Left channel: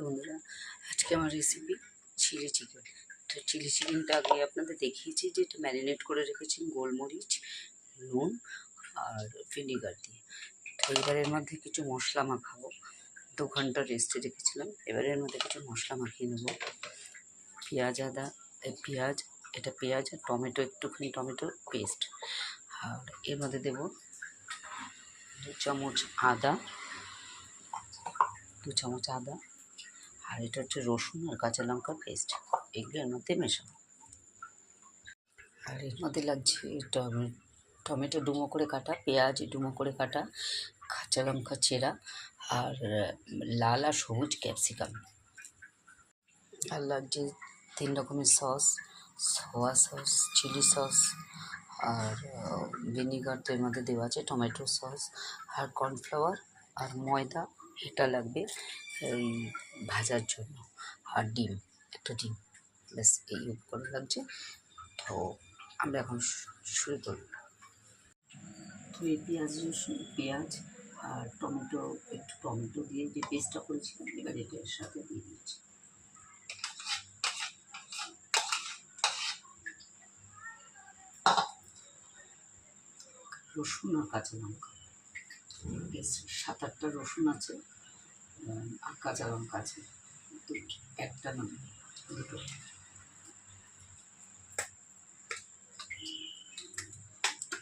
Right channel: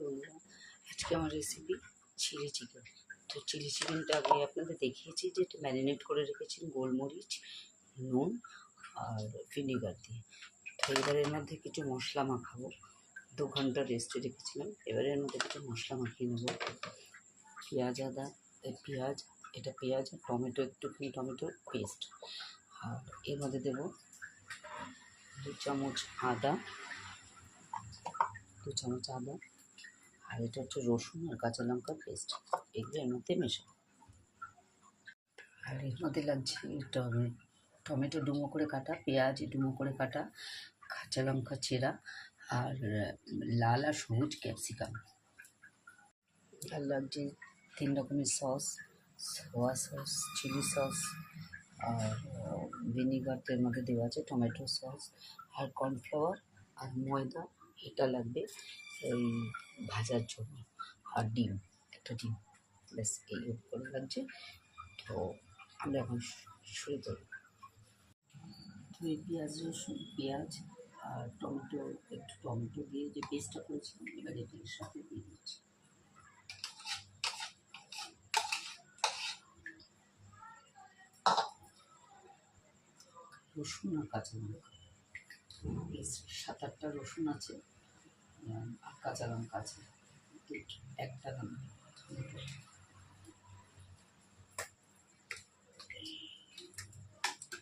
Hello বন্ধুরা, আজকে আমার রেসিপি চিলি চিকেন। তো চিলি চিকেনটা আগে আপনাদের দেখিয়েছি যে এটা ম্যারিনেট করে রেখেছি গোলমরিচ, নুন আর ভিনিগার দিয়ে। তো এবারের মধ্যে কিছু মশলা মাখাবো। 2 ঘন্টা রেস্টে রেখেছিলাম। এবারের মধ্যে কিছু মশলা মাখিয়ে নেব। পেঁয়াজ আর টমেটো, একটুখানি টমেটোর পেস্ট। আর এর মধ্যে দেবো 2 চামচ আদা, আর এটা হচ্ছে রসুন আর কাঁচা লঙ্কার পেস্ট। এগুলো এর মধ্যে মেশাবো। আর এর মধ্যে লাগছে টমেটো ডুমো করে কাটা, পেঁয়াজ ডুমো করে কাটা, কাঁচা লঙ্কা চেরা, আর লাল আর সবুজ ক্যাপসিকাম। আর লাগছে 3 রকমের sauce, soya sauce, chilli sauce, আর ভিনিগার তো এর মধ্যে দেওয়া আছে, টমেটো সস, আর কর্নফ্লাওয়ার আর ময়দা। এটা লাগবে এই ভাজার জন্য। আর ডিম, একটা ডিম, ব্যাস এই উপকরণ লাগছে। তো আমরা এখন শুরু করব। তো এই পেঁয়াজ আর টমেটো দিয়ে যে পেস্টটা করেছিলাম, এবার এটার সাথে দিয়ে দিচ্ছি। রসুন আর কাঁচা লঙ্কা, বেশ 7-8টা রসুন আছে, আর কাঁচা লঙ্কা আছে একটা না দুটো।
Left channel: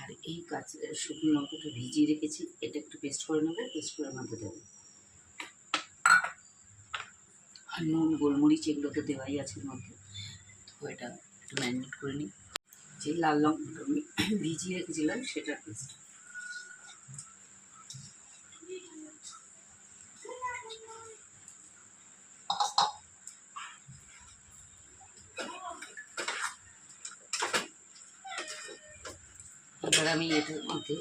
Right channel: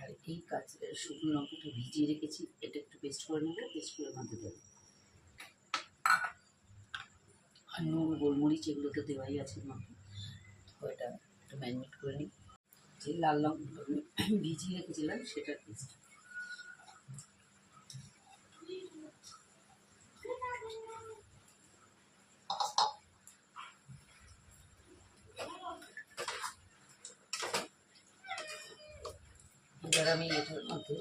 আর এই শুকনো লঙ্কাটা ভিজিয়ে রেখেছি, এটা একটু পেস্ট করে নেবো, পেস্ট করে মধ্যে দেবো। আর নুন, গোলমরিচ এগুলো তো দেওয়াই আছে এর মধ্যে। তো এটা একটু ম্যারিনেট করে নিই। যে লাল লঙ্কা আমি ভিজিয়ে রেখেছিলাম সেটার পেস্ট। এবার আমি এটার মধ্যে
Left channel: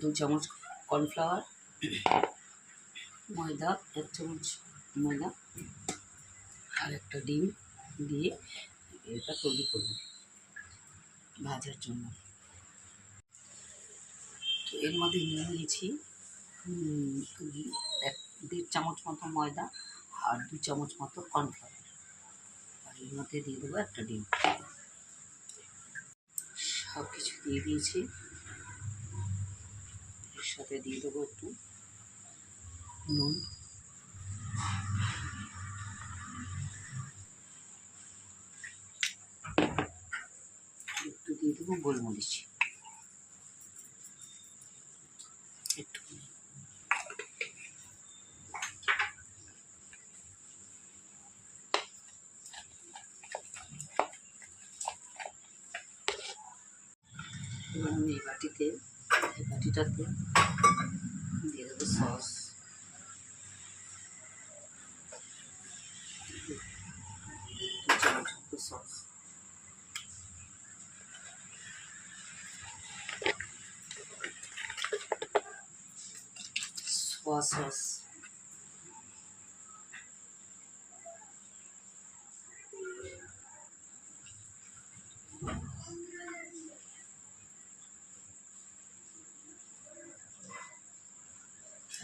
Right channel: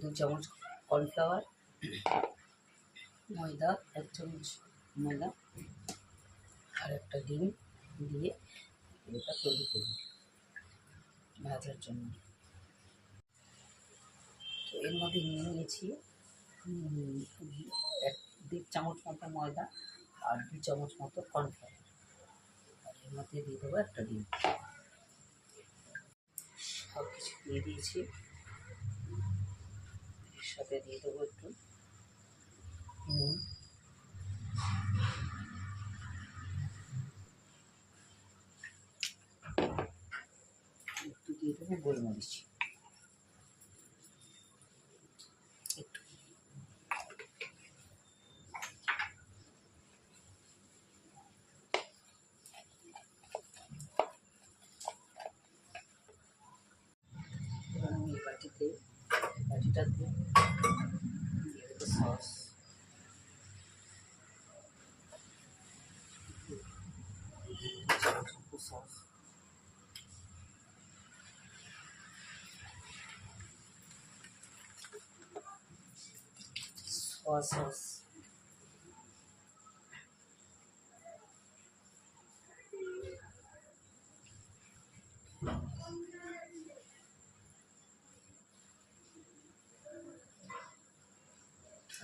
2 চামচ কর্নফ্লাওয়ার, ময়দা 1 চামচ ময়দা আর একটা ডিম দিয়ে এটা তৈরি করব ভাজার জন্য। তো এর মধ্যে নিয়েছি 1.5 চামচ মতো ময়দা আর 2 চামচ মতো কর্নফ্লাওয়ার। আর এর মধ্যে দিয়ে দেবো একটা ডিম। সব কিছু দিয়ে দিয়েছি। এর সাথে দিয়ে দেবো একটু নুন, একটু দিয়ে দেবো গোলমরিচ, একটু। এবার আমি এই বাটিটাতে দিয়ে দেবো সস, সস, সোয়া সস,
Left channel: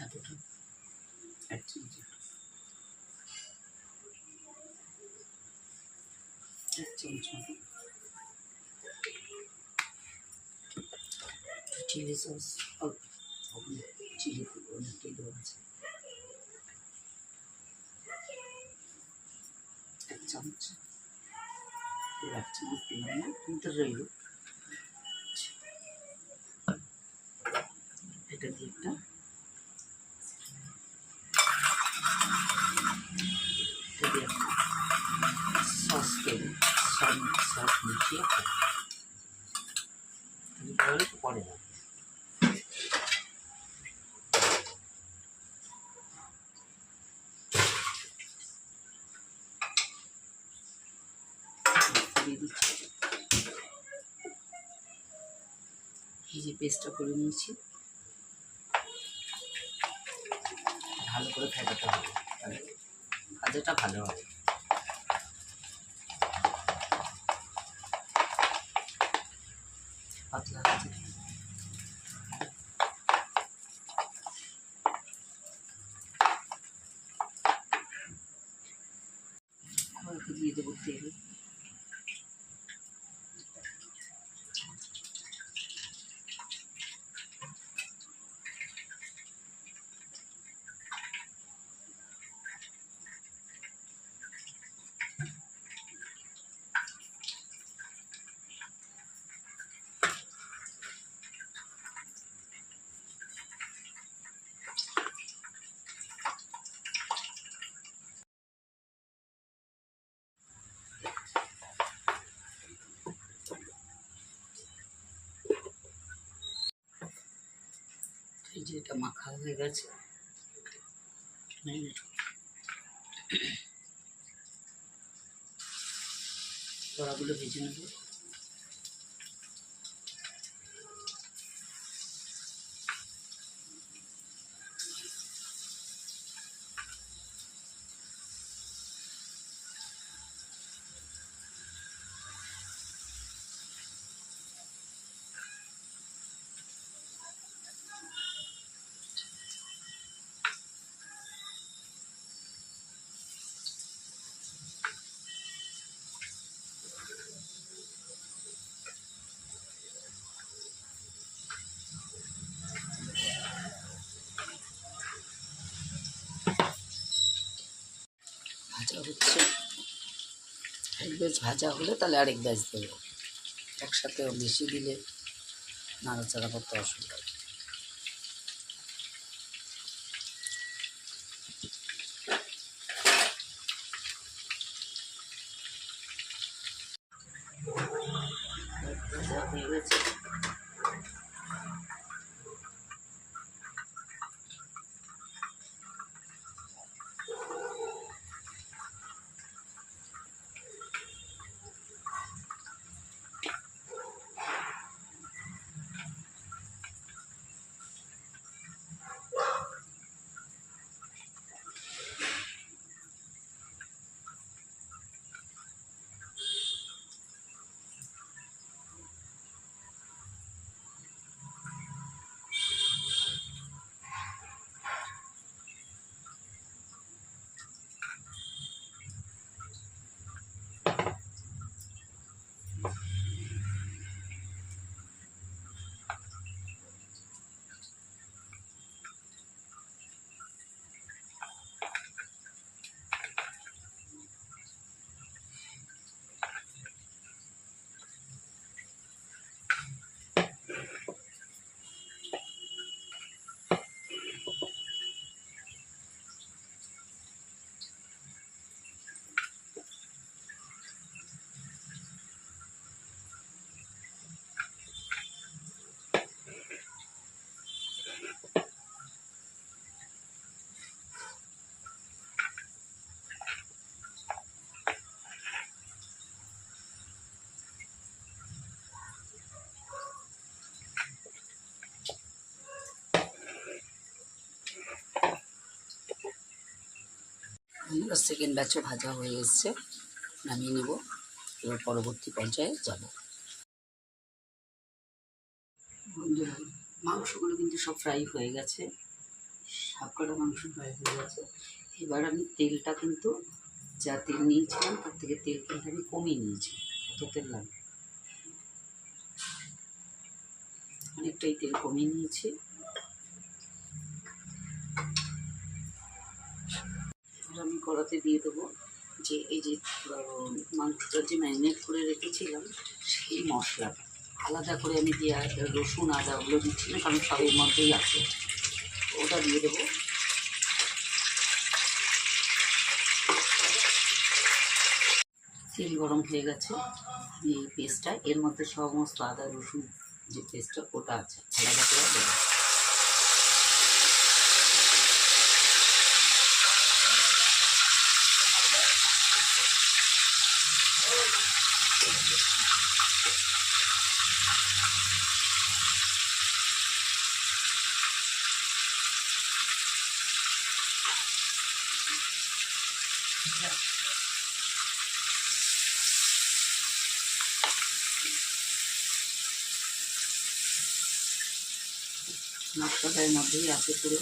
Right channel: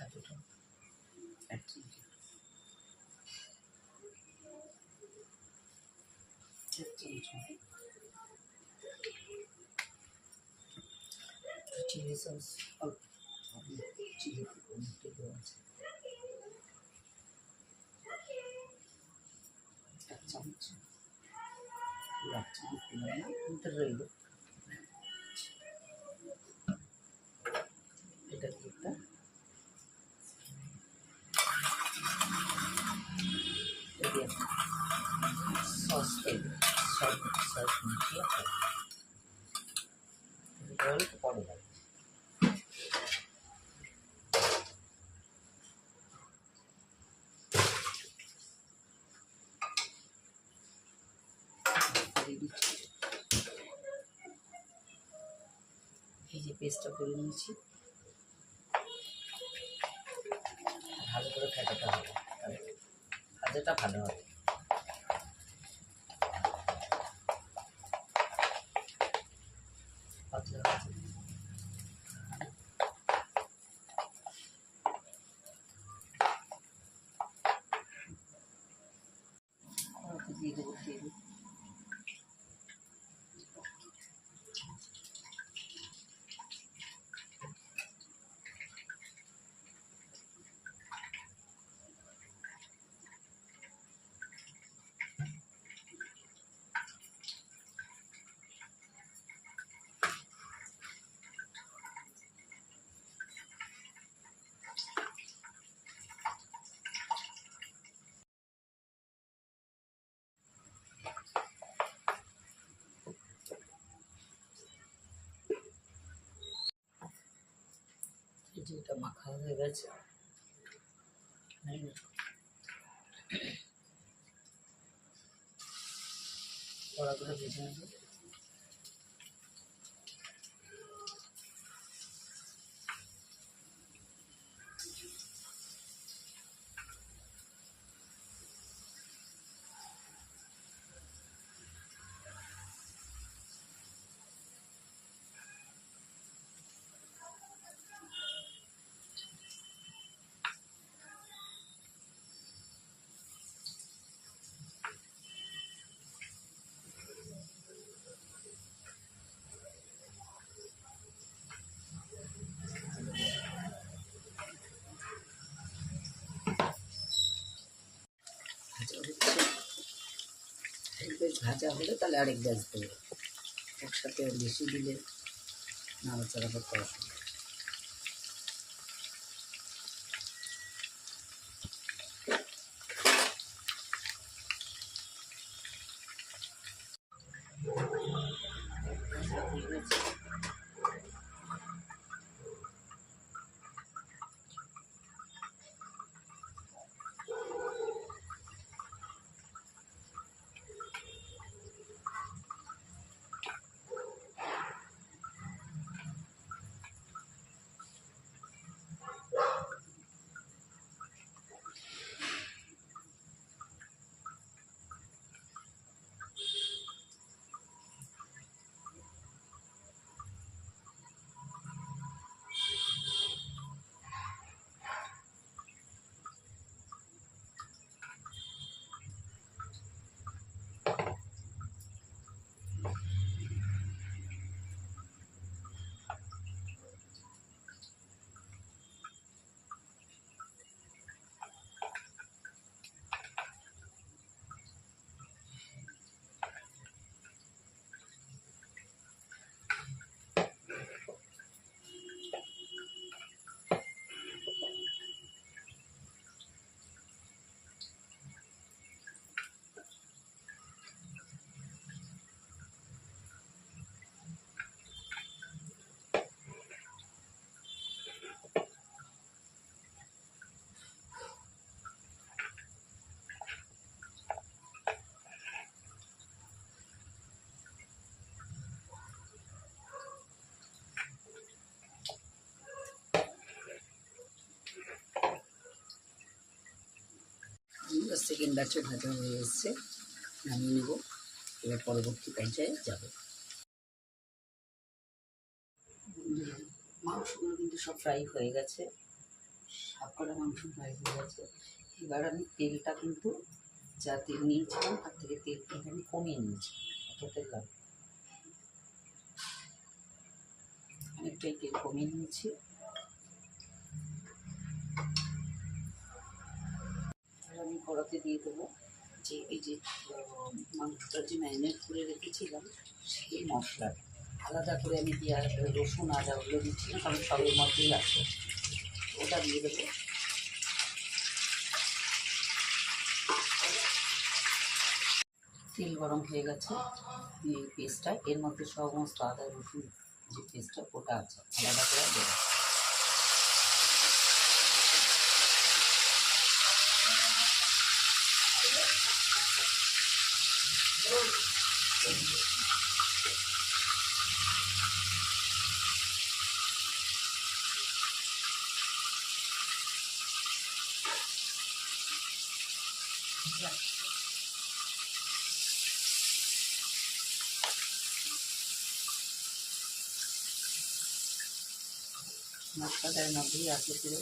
এতটা 1 চামচ, 1 চামচ মতো চিলি সস, অল্প চিলি দেওয়া আছে 1 চামচ, 1 চামচ দিলাম না, কিন্তু রইল। এটা দিয়ে একটা সস মিশিয়ে একটু পরে যাবে। দিয়ে দিচ্ছি এই যে পেস্টটা করে নিয়েছি, ভালো করে ফেটাতে হবে, তাহলে ভাজাটা ভালো হবে। পাতলা ভাজা দিই। এই যে এটা মাখা হয়ে গেছে, বড়াগুলো ভেজে নেব। ভাজা হচ্ছে, এক ব্যাচ ভাজা হলে তাহলে আরেক ব্যাচ দেবো। একসাথে বেশি দিলে নাড়াচাড়া করতে অসুবিধা। ভাজা হয়ে গেছে। সেকেন্ড ব্যাচও ভাজা হয়ে এসছে, নামিয়ে নেব। এবার পরবর্তী পর্যায়ে যাব। বন্ধুরা, মাংসগুলো কিন্তু সব ফ্রাই হয়ে গেছে, সবকটা মাংস ফ্রাই হয়ে গেছে। এবার আমি তেলটা কিন্তু যা তেল নিয়েছিলাম তার থেকে তেল কিন্তু আমি কমিয়ে নিয়েছি। অত তেল লাগে, অনেকটাই তেল কমিয়ে নিয়েছি। এবার আমি কড়াতে দিয়ে দেবো যে এই যে মাংসটা যে ম্যারিনেট করে রেখেছিলাম সেই মশলাটা। আলাদা করে আমি দিয়ে রসুন আদা ওগুলো দিচ্ছি না, কারণ সবের মধ্যেই আছে। ওটা দিয়ে দেবো। তেল গরম হয়ে গেছে, এই পেস্টটা এর মধ্যে সমস্ত আদা রসুন যে পেস্টটা ওটা আছে আলাদা করে দেবো। মশলাটার মধ্যেই আছে পুরো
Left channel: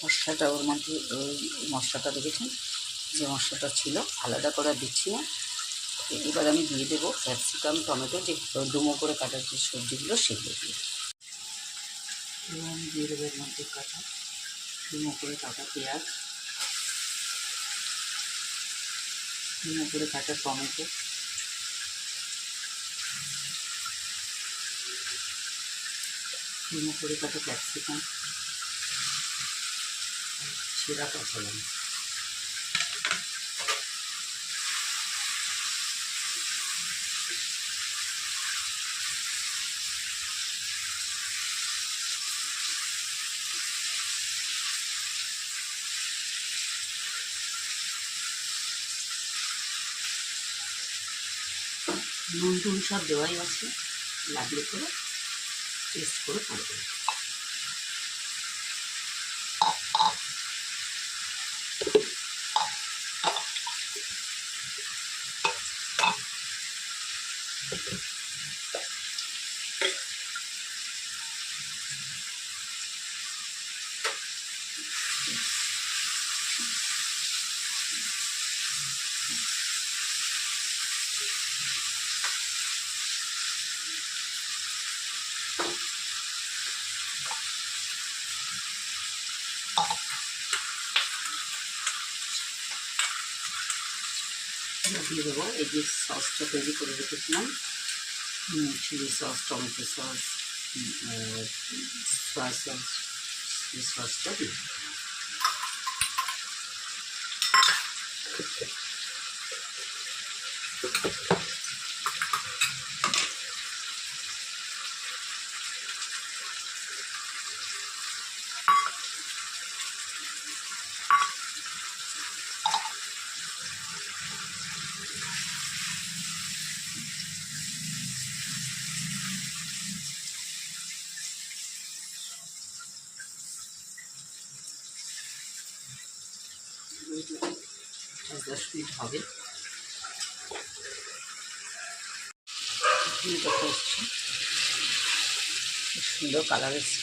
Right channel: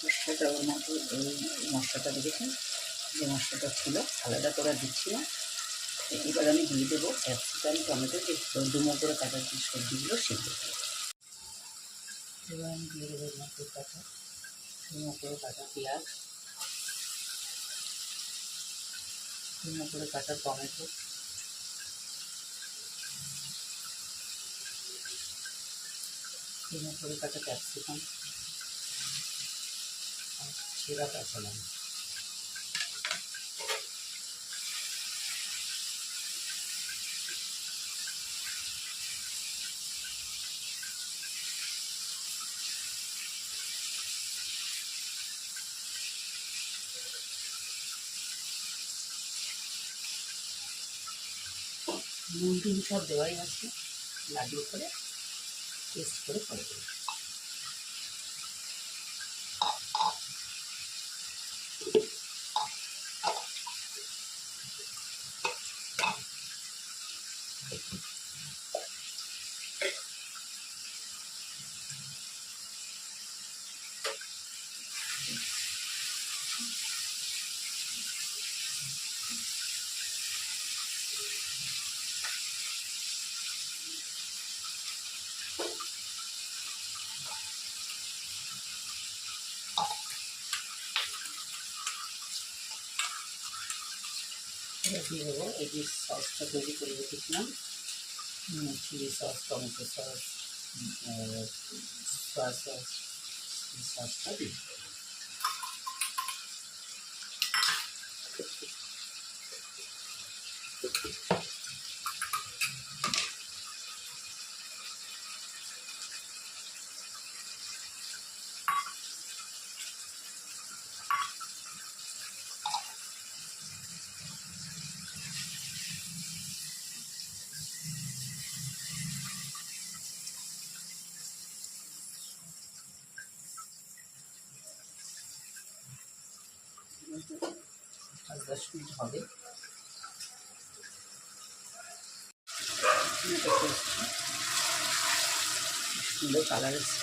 মশলাটা, ওর মধ্যে ওই মশলাটা দেখেছেন যে মশলাটা ছিল আলাদা করে দিচ্ছি না। এবার আমি দিয়ে দেবো ক্যাপসিকাম টমেটো যে ডুমো করে কাটার যে সবজিগুলো সেগুলো দিয়ে। এবার আমি দিয়ে দেবো এর মধ্যে কাটা ডুমো করে কাটা পেঁয়াজ, ডুমো করে কাটা টমেটো, ডুমো করে কাটা ক্যাপসিকাম আর ছেঁড়া কাঁচা লঙ্কা। নুন টুন সব দেওয়াই আছে, লাগলে করে টেস্ট করে করে দেবো। এবার দিয়ে দেবো এই যে সসটা তৈরি করে রেখেছিলাম, chili sauce, tomato sauce, soya sauce, এই সসটা দিই। পাঁচ 10 মিনিট হবে, এটা করছি, সুন্দর কালার এসছে।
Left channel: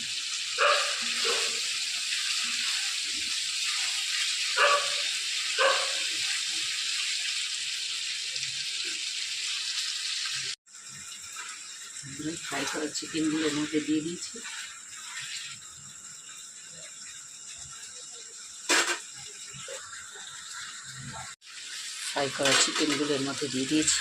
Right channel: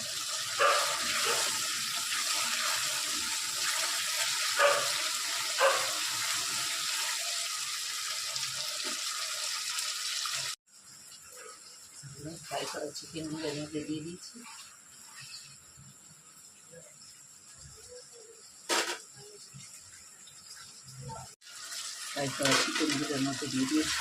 ফ্রাই করা চিকেনগুলো এর মধ্যে দিয়ে দিয়েছি। ফ্রাই করা চিকেনগুলো এর মধ্যে দিয়ে দিয়েছি।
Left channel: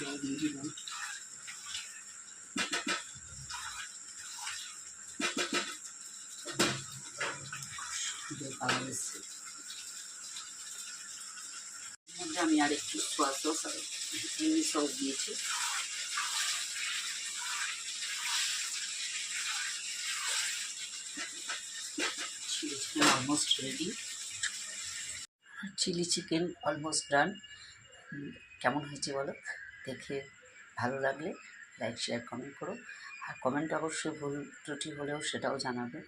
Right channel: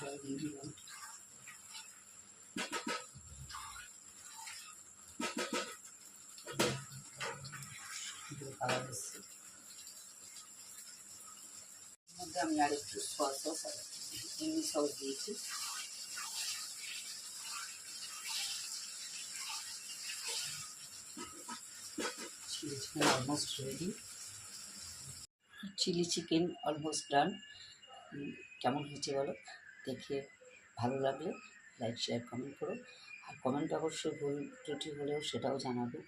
জল দিয়ে দিলাম। কালার এসছে। মধ্যে আমি আর একটু সয়া সস আর এমনি সস দিয়েছি। Chili chicken almost ready. Chili chicken almost done. কেমন হয়েছে বলো, দেখে ভালো লাগলে লাইক শেয়ার কমেন্ট করো। আর কমেন্ট অবশ্যই ভুল ত্রুটি হলেও সেটাও জানাবে।